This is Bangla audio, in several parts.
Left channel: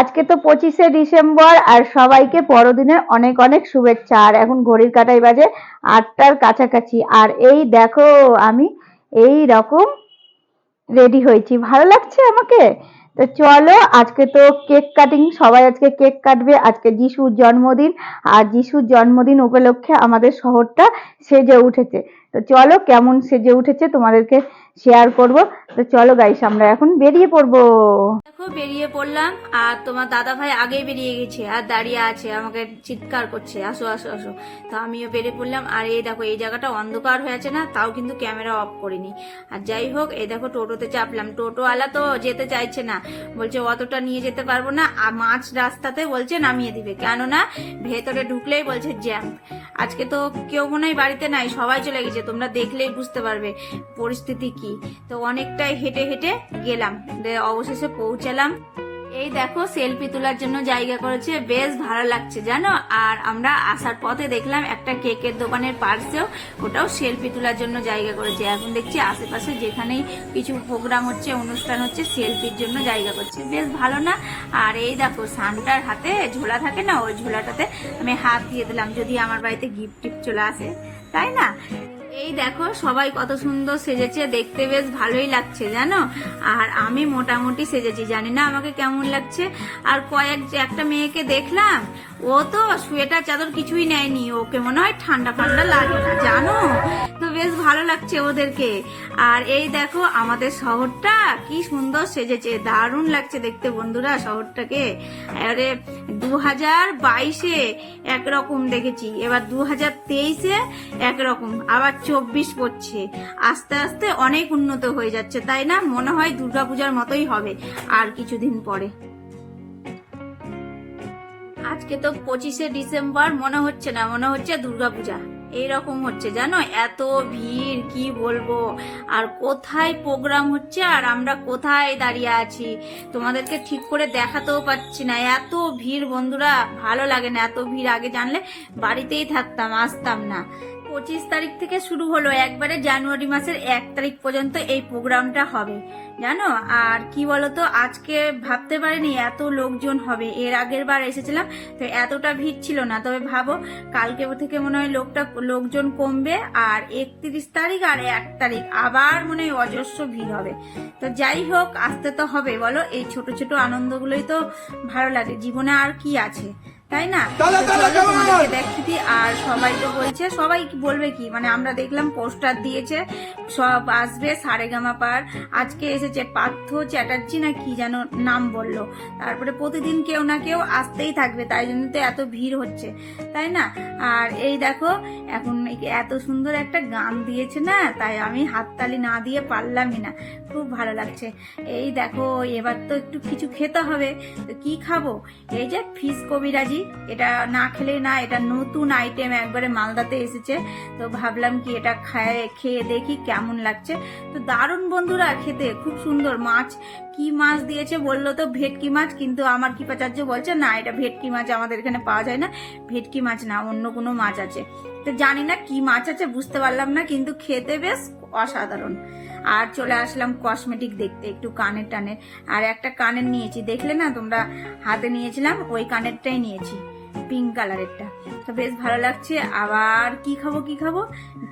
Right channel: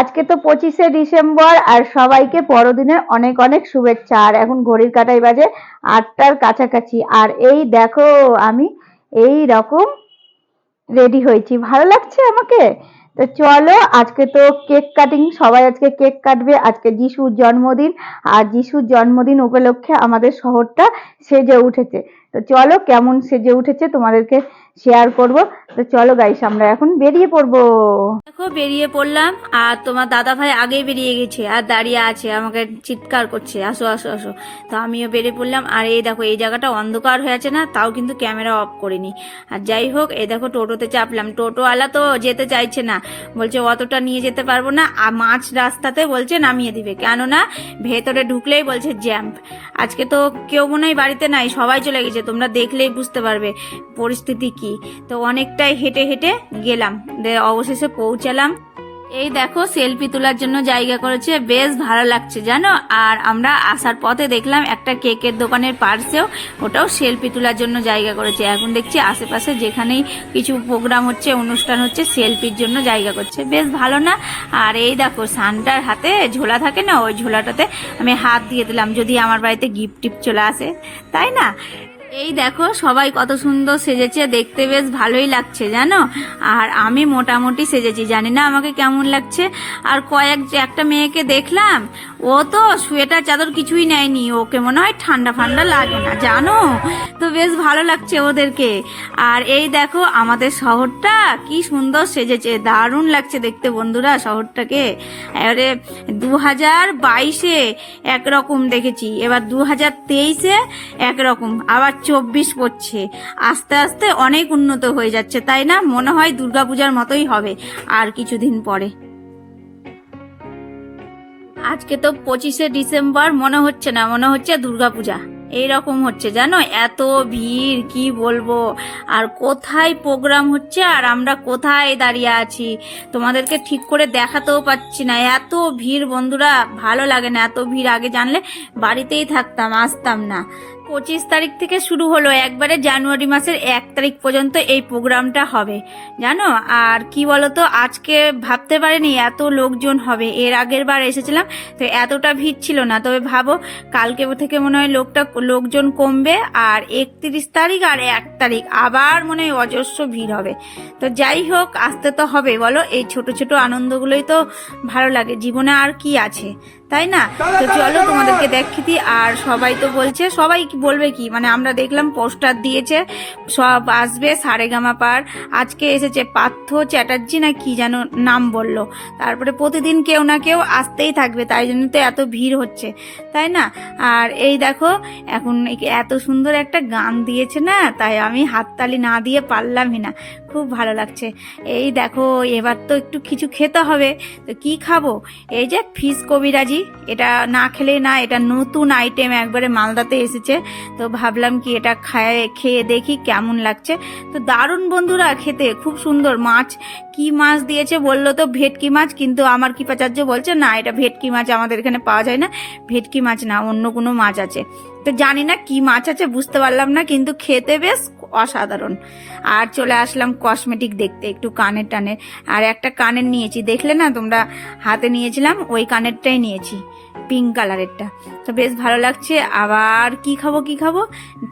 আজকে তো 25শে ডিসেম্বর, আর সবাইকে বড়দিনের অনেক অনেক শুভেচ্ছা। আর এখন ঘড়ির কাঁটায় বাজে 8টার কাছাকাছি, আর এই দেখো আমি এই রকম রেডি হয়েছি, ভালো লাগছে আমাকে। তো চলো, আজকে তো কেক কাটিং, সবাই আজকে কেক কাটবে। আজকে যিশুর জন্মদিন, আর যিশুর জন্মদিন উপলক্ষে আমাদের শহরটা সেজে উঠেছে। তো চলো, কেমন সেজে উঠেছে তোমাদেরকে শেয়ার করব। তো চলো গাইস, আমরা এখন বেরিয়ে পড়বো। দেখো বেরিয়ে পড়লাম, আর তোমার দাদা ভাই আগেই বেরিয়ে গেছে আর দাঁড়িয়ে আছে, আমাকে চিৎকার করছে আসো আসো আসো। তো আমিও বেরিয়ে পড়লাম। আর এই দেখো এই জায়গাটা অন্ধকার হয়ে আছে না, তাও কিন্তু ক্যামেরা অফ করিনি। আর যাই হোক, এই দেখো টোটোতে চাপলাম। টোটোওয়ালা তো যেতে চাইছে না, বলছে অতটা নিয়ে যেতে পারবো না, আর মাঝ রাস্তাতে বলছে নামিয়ে দিবে, কেননা ভেতরে ঢুকলেই বলছে জ্যাম্প। আজকে তো কেউ মনে হয় বাড়িতে নাই, সবাই চলে গেছে, তোমরা দেখলেই বুঝতে পারবে পরিস্থিতি কি। তো অনেকটাই হেঁটে হেঁটে গেলাম, অবশেষে পৌঁছালাম। এই দেখো সেলফি তোলার জন্য জায়গা করেছে, বেশ ভালো লাগছে জানো। আর আমরা আসার পথে দেখলাম একটা কেকের দোকানের পার্শ্বেও ওটাও সেলফি তোলার জন্য জায়গা করেছে। এখন দেখছি আশেপাশে যেখানেই কিছু প্রোগ্রাম হচ্ছে, অনুষ্ঠান হচ্ছে, সেলফির জন্য জায়গা করছে, বেশ ভালো না। আর এই দেখো সান্টার হাতে ঝোলা থাকে না, ওই ঝোলাটাতে আমি হাত দিয়ে দিলাম, যদি আমার বাড়িতে গিফট টিফট চলে আসে, তাই না। এই দেখো সবাই কত সুন্দর সেজেছে, দেখতে বেশ ভালোই লাগছে জানো। আর আমি মোটামুটি সেজেছি, জানি না আমাকে কেমন লাগছে। আর একটা মেয়েকে দেখলাম, ও তো সোয়েটার চাদর কিছুই নেয়নি, ওকে মনে হয় ঠান্ডা ফান্ডা লাগে না জানো। তো বেশ ভালো লাগছে ওদেরকে। আর এই দেখো আমাদের শহরটা কি সুন্দর সেজেছে, দারুণ লাগছে দেখতে বন্ধুরা শহরটাকে। এবারে 2022-এ একরকম দেখেছি, এবার 2023-এ একরকম, আবার 24 পড়ছে। আস্তে আস্তে অনেক উন্নত হয়ে যাচ্ছে, তাই না? মনে হয় দুর্গাপূজার মতোই হবে আর কিছুদিন পরে। আজকে তো 25শে ডিসেম্বর, মনে হচ্ছে না, মনে হচ্ছে দুর্গাপূজা এইরকম হচ্ছে জানো, এত ভিড় কি বলবো। আর কোথায় প্রোগ্রাম হচ্ছে আর আমরা কোথায় দাঁড়িয়ে আছি, তোমাদেরকে ঠিক করে দেখাতেও পাচ্ছি না, এত ভিড় বন্ধুরা, ভালো লাগে না এত ভিড়। আগে জানলে বাড়িতেই থাকতাম, আসতাম না। 25 তারিখ থেকে শুরু হলো, একবারে জানুয়ারি মাসের 1 তারিখ পর্যন্ত এই প্রোগ্রামটা হবে জানো। আর কি বলতো, আজকে ভাবতে পারিনি এত লোকজন হবে। এর আগের বার এসেছিলাম তো এতটা ভিড় ছিল না, তবে ভাবো কালকে থেকে মনে হয় লোকজন কমবে। আর 31 তারিখ আর 1 তারিখ আবার মনে হয় অজস্র ভিড় হবে। তো যাই হোক, আসতে তো হবে বলো, এই ছোট ছোট আনন্দগুলোই তো ভালো লাগে জীবনে, আর কি আছে তাই না। তো চলো তোমাদেরকে দেখি দিই। আর সবাই তো বলছে, সবাই বলবে কি, মানে আমরা দেখলাম পোস্টার দিয়েছে সব আসবে সারেগামা পার। আজকে এসেছে পার্থ চ্যাটার্জি না কি যেন নাম বললো। তারপরে প্রতিদিন কেউ না কেউ আসতেই থাকবে, তাই জন্য তো এত ভিড় হচ্ছে, তাই না। আর এই দেখো এখন এত সুন্দর একটা গান দিয়েছে না, তাই আমি হাততালি না দিয়ে পারলামই না, খুব ভালো লাগছে। এই দেখো এবার তো একটু কিছু খেতে হবে, তো কি খাবো, এই যে ফিশ কবিরাজি, এটা না খেলে না, এটা নতুন আইটেম, একবারে মালদাতে এসেছে। তো ভাবলাম কি এটা খেয়ে দেখি কেমন লাগছে। তো দারুণ বন্ধুরা, খেতে খুব সুন্দর। মাছ, কি মাছ দিয়েছে বললো তো ভেটকি মাছ, কিন্তু আমার কৃপাচার্য বলছে না এটা ভেটকি মাছ আমাদের এখানে পাওয়া যায় না, ভেটকি মাছ না, অন্য কোনো মাছ আছে। তো জানি না কি মাছ আছে, বুঝতে পারলাম না, কিন্তু খেতে বেশ অসাধারণ। আর চলে আসলাম কসমেটিক দেখতে, একটু কানের টানের। আর একটা কানের নিয়েছি, দেখলে না তোমরা, হাতে নিয়েছিলাম ওই কানেরটাই নিয়েছি, পিঙ্ক কালারেরটা। তো বেশ ভালো লাগছে। আবার কি খাবো কি খাবো,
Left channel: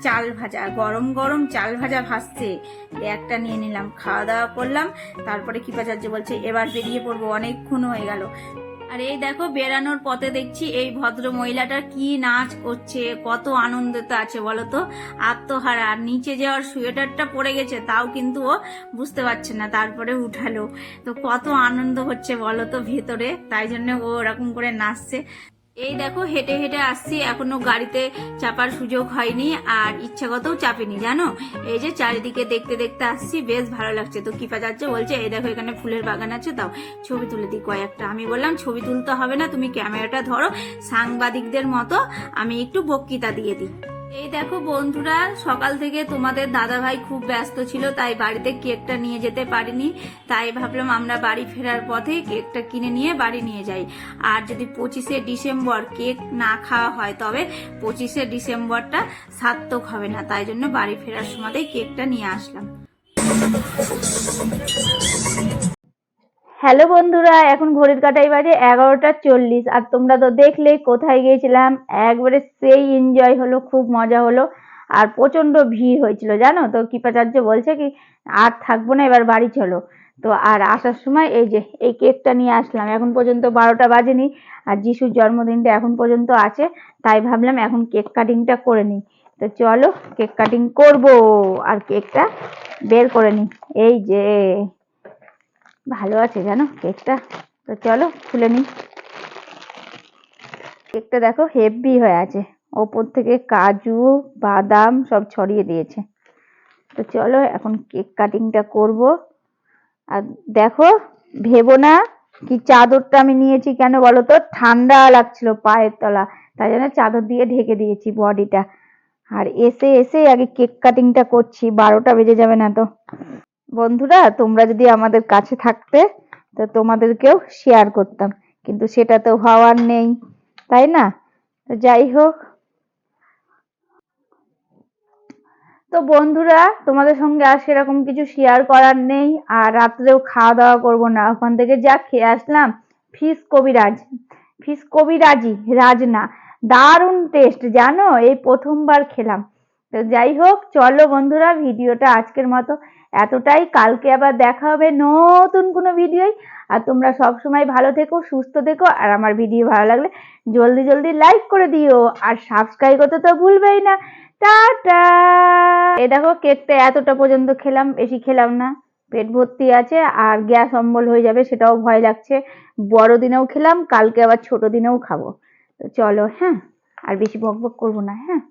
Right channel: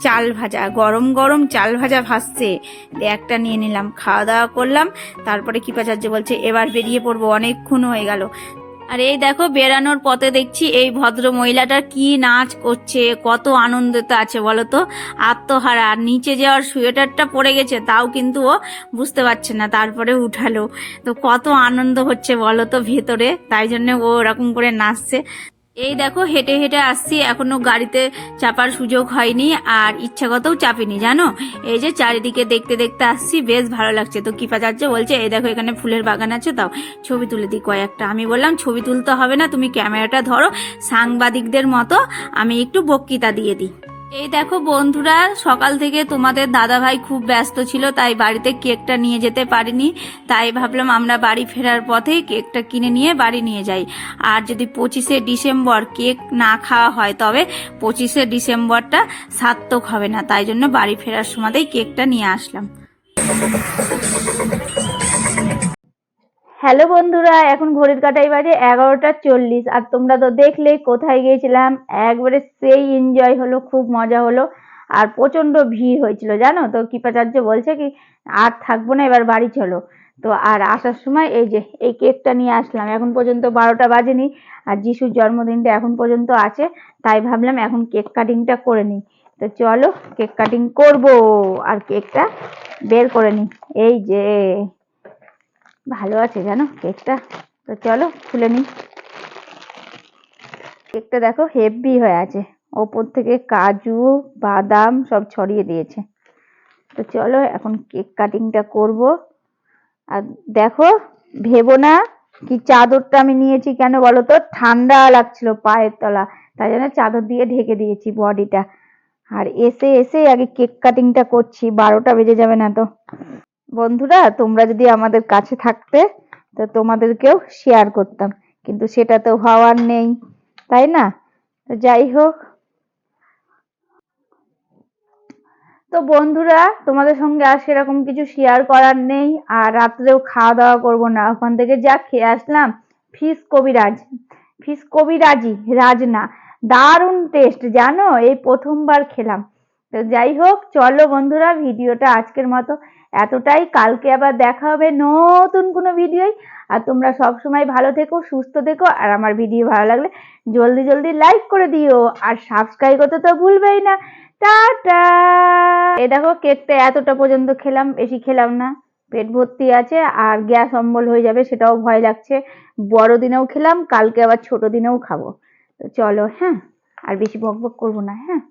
চাল ভাজা, গরম গরম চাল ভাজা ভাসছে, একটা নিয়ে নিলাম, খাওয়া দাওয়া করলাম। তারপরে কৃপাচার্য বলছে এবার বেরিয়ে পড়বো, অনেকক্ষণ হয়ে গেল। আর এই দেখো বেরানোর পথে দেখছি এই ভদ্র মহিলাটা কি নাচ করছে, কত আনন্দিত আছে বলো তো, আত্মহারা। আর নিচে যাওয়ার সোয়েটারটা পড়ে গেছে, তাও কিন্তু ও বুঝতে পারছে না, তারপরে উঠালো। তো কত আনন্দ হচ্ছে বলো তো ভেতরে, তাই জন্য ও ওরকম করে নাচছে। এই দেখো হেঁটে হেঁটে আসছি, এখনো গাড়িতে চাপার সুযোগ হয়নি, আর ইচ্ছাগতও চাপিনি জানো। এই যে চারিদিকে দেখতে দেখতে আসছি, বেশ ভালো লাগছে। তো কৃপাচার্য বলছে এই দেখো এখানে ফুলের বাগান আছে, তাও ছবি তুলে দিই কয়েকটা। আমি বললাম ছবি তুলতে হবে না, তুমি ক্যামেরাটা ধরো, সাংবাদিকদের মতো আমি একটু বক্তৃতা দিয়ে দিই। এই দেখো বন্ধুরা, সকাল থেকে তোমাদের দাদা ভাই খুব ব্যস্ত ছিল, তাই বাড়িতে কেকটা নিয়ে যেতে পারিনি। তাই ভাবলাম আমরা বাড়ি ফেরার পথে কেকটা কিনে নিয়ে বাড়ি নিয়ে যাই। আর যদি 25শে ডিসেম্বর কেক না খাওয়া হয়, তবে 25শে ডিসেম্বরটা সার্থক হবে না, তাই জন্য বাড়ি ফেরার সময়তেই কেকটা নিয়ে আসলাম। হ্যালো বন্ধুরা, এখন ঘড়ির কাঁটায় বাজে 11:40। আর তোমরা তো দেখলে কোথায় গিয়েছিলাম, একবারে সেই এনজয় হলো, খুব মজা হলো। আর প্রচন্ড ভিড় হয়েছিল জানো তো। কৃপাচার্য বলছে কি আর থাকবো না, এবার বাড়ি চলো। তো আর আসার সময় এই যে এই কেকটা নিয়ে আসলাম। এখন পর্যন্ত 12টা বাজেনি, আর যিশুর জন্মদিনটা এখন পর্যন্ত আছে, তাই ভাবলাম এখন কেক কাটিংটা করে নিই। তো চলো কেক কাটিং করবো, আর কেকটা বের করে নিই। এই যে ভালো আছে জানো কেকটা। তো চলো খুলে নিই। কেকটা দেখো হেভি হয়ে আছে, ওপর থেকে কাজু বাদাম সব ছড়িয়ে দিয়েছে। তো চলো এখন কেক কাটিংটা করব। আর দেখো, ভেবো না কি চাদরটা আমি নিয়েছি কেন বলো তো, ঠান্ডা লাগছিল পায়ের তলা, তাই জন্য চাদর দিয়ে ঢেকে দিয়েছি বডিটা। আর এসে এসে আগে কেক কাটিংটা করছি, 12টা বেজে যাবে না তো। বন্ধুরা তোমরা যদি আমাদের কাছে থাকতে তো তোমাদেরকেও শেয়ার করতাম, কিন্তু সেটা তো হওয়ার নেই, তাই না? তো যাই হোক, তো বন্ধুরা তোমাদের সঙ্গে আর সেরকম কিছু শেয়ার করার নেই। আর রাত্রেও খাওয়া দাওয়া করবো না, ওখান থেকে যা খেয়ে আসলাম। ফিশ কবিরাজ, ফিশ কবিরাজি, রাজ না, দারুণ টেস্ট জানো, এই প্রথমবার খেলাম। তো যাই হোক চলো বন্ধুরা, ভিডিওটা আজকের মতো এতটাই। কালকে আবার দেখা হবে নতুন কোনো ভিডিওয়। আর তোমরা সব সময় ভালো থেকো, সুস্থ থেকো। আর আমার ভিডিও ভালো লাগলে জলদি জলদি লাইক করে দিও, আর সাবস্ক্রাইব করতে তো ভুলবেই না। টাটা। এই দেখো কেকটা এতটা পর্যন্ত খেলাম, বেশি খেলাম না, পেট ভর্তি আছে। আর গ্যাস অম্বল হয়ে যাবে সেটাও ভয় লাগছে। বড়দিনেও খেলাম, কালকে আবার ছোট দিনেও খাবো। তো চলো, হ্যাঁ, আর বেশি বকবক করবো না, হ্যাঁ।